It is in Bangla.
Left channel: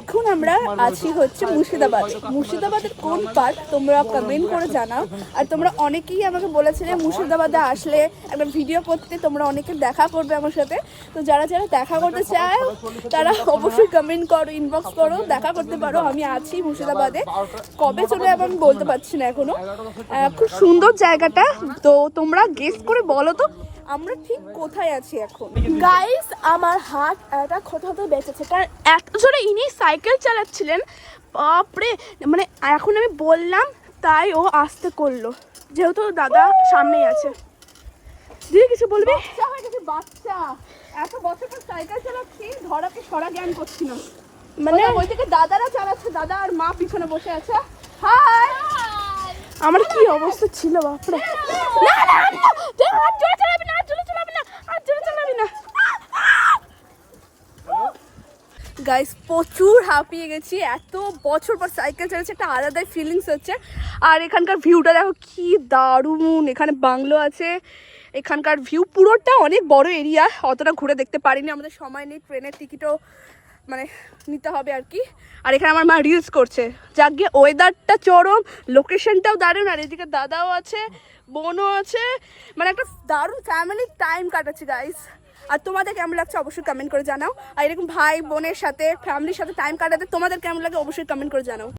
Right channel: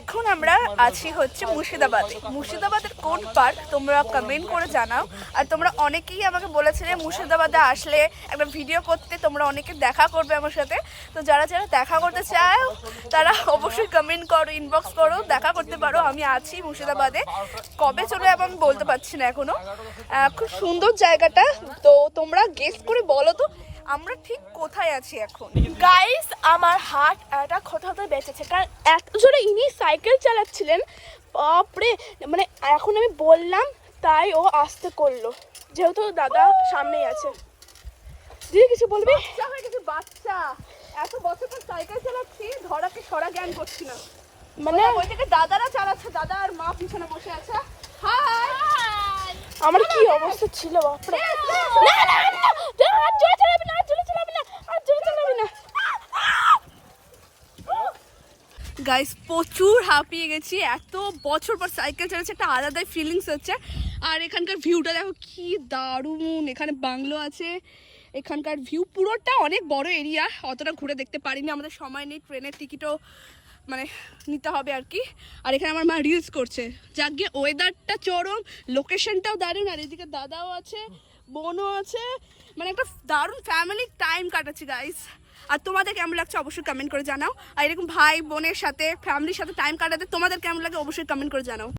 এখন আমরা আছি হচ্ছে মুর্শিদাবাদে। মুর্শিদাবাদের কোন পার্ট তোমরা কমেন্ট করে জানাও। আর তোমরা অনেকেই আমাকে বলেছিলে মুর্শিদাবাদে আসলে একটা ভিডিও করতে, তোমরা অনেকে দেখা করবে আমার সাথে। তো যারা যারা দেখা করতে চাও তারা অবশ্যই কমেন্ট করো, ইনবক্স করো, দেখা করতে পারো। আমি আছি মুর্শিদাবাদে, কবে চলে যাবো আমি বলতে পারছি না এখনো। খুব সুন্দর জায়গাটা, তো তোমরা গেস করে বলো তো আমরা ঠিক কোথায় আছি এখন। গাইস আমার হার্ট একটা কোথাও বেঁচেছে, কারণ এত জোরে ইনি সাইকেল চালাচ্ছিলেন, বাপরে। মানে এখন আমি বললাম তাই ও আসতে করলো, যেহেতু দাদা সামনেই আছে। দিয়ে কিছু বলবে? বাচ্চা হয়ে গেছে, বাচ্চা। এত বছর পর সাইকেল চালাচ্ছি, ধরাকে সরা জ্ঞান করছি না। মানে ওই থেকে দাদারা চালাচ্ছে, দাদা আর মা পিছনে বসে আছে। হাই, আমার কি অবস্থা ছিল বাপরে। না না না, চলে চালাবি না, চলে চালাবি না, চলে চালাবি না। গাইস প্রচুর হাঁপিয়ে গেছি, এত বছর পর সাইকেল চালাচ্ছে, একটা আলাদাই ফিলিংস হচ্ছে। আর এখানকার ভিউটা দেখো কি দারুণ। এখানে বাংলো আছে, এখানকার ভিউ পুরোটা অনেক বড় এরিয়া, অতটা ঘুরে দেখতে পারিনি, আমাদের সময় নেই, ট্রেনের টিকিটও মানে নিতে হবে আর কি। আর এখানে আমার মা রিলস করছে, যাক গিয়ে ওয়েদারটা চরম, লোকেশনটাও দারুণ, আর এদিকে দাদাও আছে, বোনও আছে, মানে একটা দারুণ ফ্যামিলি টাইম কাটাচ্ছি গাইস। আর তোমাদের কেমন লাগছে অবশ্যই কমেন্ট করে জানাও। আর এরকম ভাই বোনের সাথে ফ্যামিলির সাথে টাইম কাটাতে তোমাদের কেমন লাগে অবশ্যই কমেন্ট করে জানাও।